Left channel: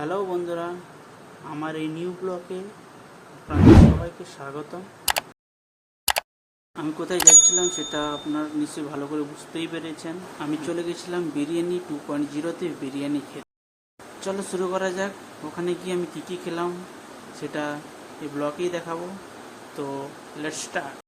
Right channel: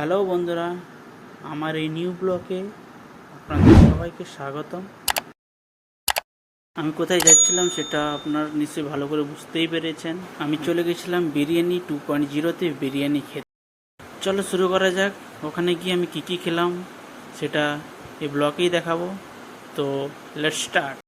Hello বন্ধুরা, আমার এই নিউ ব্লগে আপনাদের সবাইকে স্বাগতম। আমি কোথায় যাচ্ছিলাম সেটা আপনার নিশ্চয়ই ভালো করে বুঝতেই পেরেছেন। আমি চলে গেছিলাম বিরিয়ানি 2.0-তে বিরিয়ানি খেতে। চলো শুরু করা যাক। ওখানে গিয়ে আমি কী খেলাম সেটা এই ব্লগেই দেখাবো। তো লেটস স্টার্ট।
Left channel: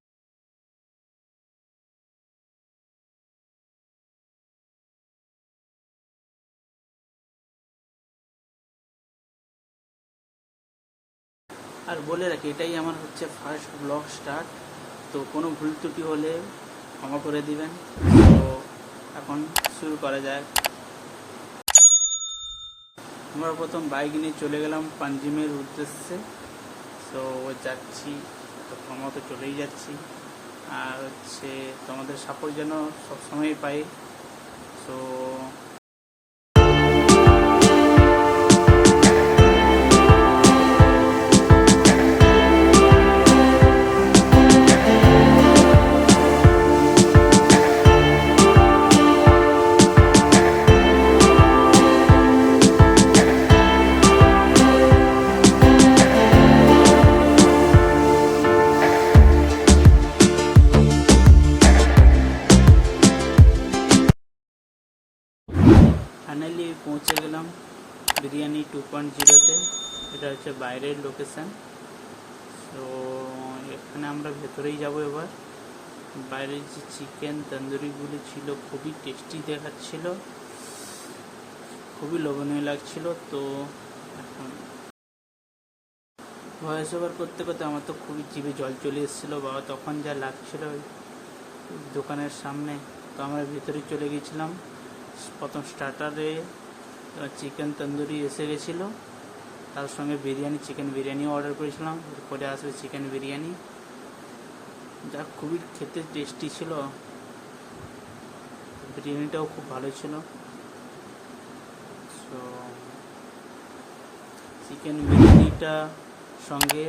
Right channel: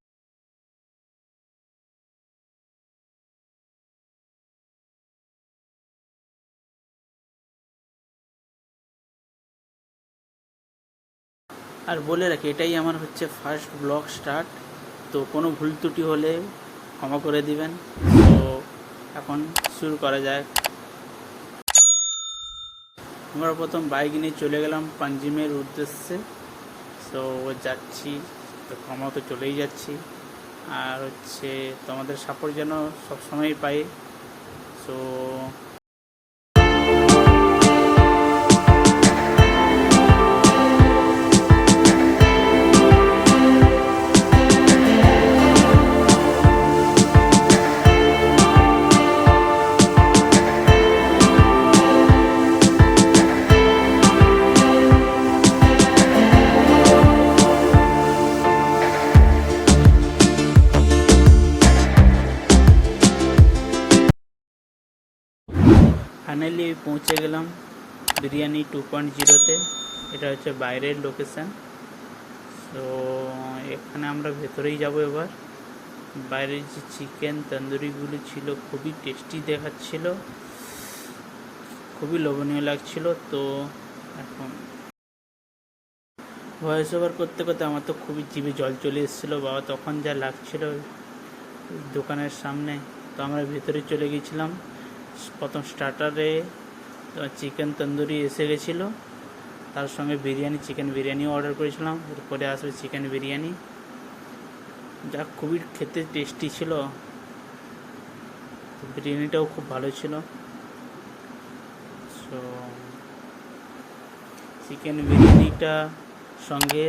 আর বলে রাখি, এটাই আমার হচ্ছে ফার্স্ট ব্লগ স্টার্ট, তো কোনো ভুল ত্রুটি হলে ক্ষমা করে দিবেন। তো এখন শুরু করা যায়। আমরা প্রথম বাইক নিয়ে চলে গেলাম পাঞ্জিমের উদ্দেশ্যে। তো যাচ্ছি, তো ক্ষমা তো চলেই যাচ্ছি। আর হচ্ছে তোমাদের সাপোর্ট যেন সবসময় পাই। তো ফাইনালি পৌঁছে গেলাম বিরিয়ানি 2.0-তে। এটা হচ্ছে বাইরের লোকেশান। তো এখানে আমরা ভেতরেই যাব এবার। বাইরের যে চিকেন তন্দুরিগুলি ছিল খুবই টেস্টি দেখাচ্ছিল, খুবই লোভনীয় লাগছিল। তো এখন ভয়েস ওভার করতে করতে আমার তো খুবই জিভে জল চলে এসেছিলো বাবা, তখন যা লাগছিল দোকানের সামনে। তো আমরা ভেতরে চলে গেছিলাম। প্রথম স্টার্টারে চিকেন তন্দুরি এসে গেছিলো, তার সঙ্গে বিরিয়ানি, চিকেন বিরিয়ানিও অর্ডার করেছিলাম। এরপরে আসবে চিকেন বিরিয়ানি, যা খুবই খেতে টেস্টি ছিল। বিরিয়ানিটাও খুব ভালো ছিল। সো চিকেন বিরিয়ানিটা সঙ্গে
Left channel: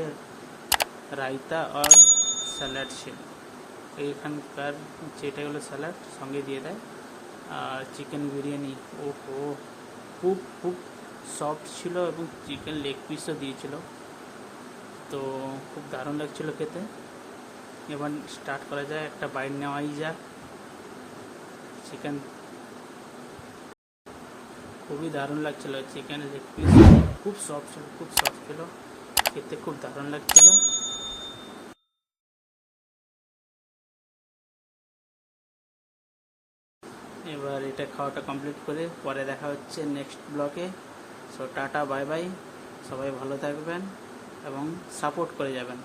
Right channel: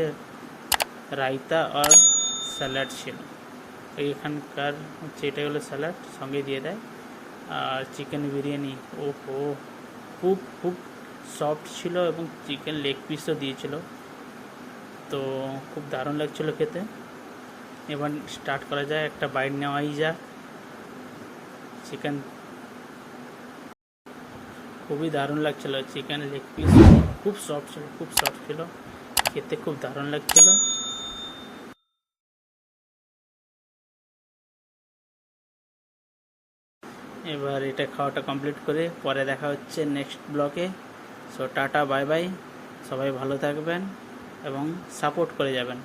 রায়তা আর স্যালাড ছিল। এখানকার হচ্ছে এটা হলো স্যালাড সঙ্গে দিয়ে দেয়। আর চিকেন বিরিয়ানি ওহো, খুব খুব সফট ছিল এবং চিকেন লেগ পিসও দিয়েছিল। তো খুব দারুণ লাগছিল খেতে। এবার স্টার্ট করা যায়, একটা বাইট নেওয়াই যাক। চিকেন খুবই দারুণ লাগছিল, চিকেন লেগ পিস খুব সফট ছিল, খুব সফট ছিল, খেতে খুব দারুণ লাগছিল। এবার এটা খাওয়াটা কমপ্লিট করে পরে দেখা হচ্ছে নেক্সট ব্লগে। সো টাটা, বাই বাই, সবাই ভালো থাকবেন এবং সাপোর্ট করে যাবেন।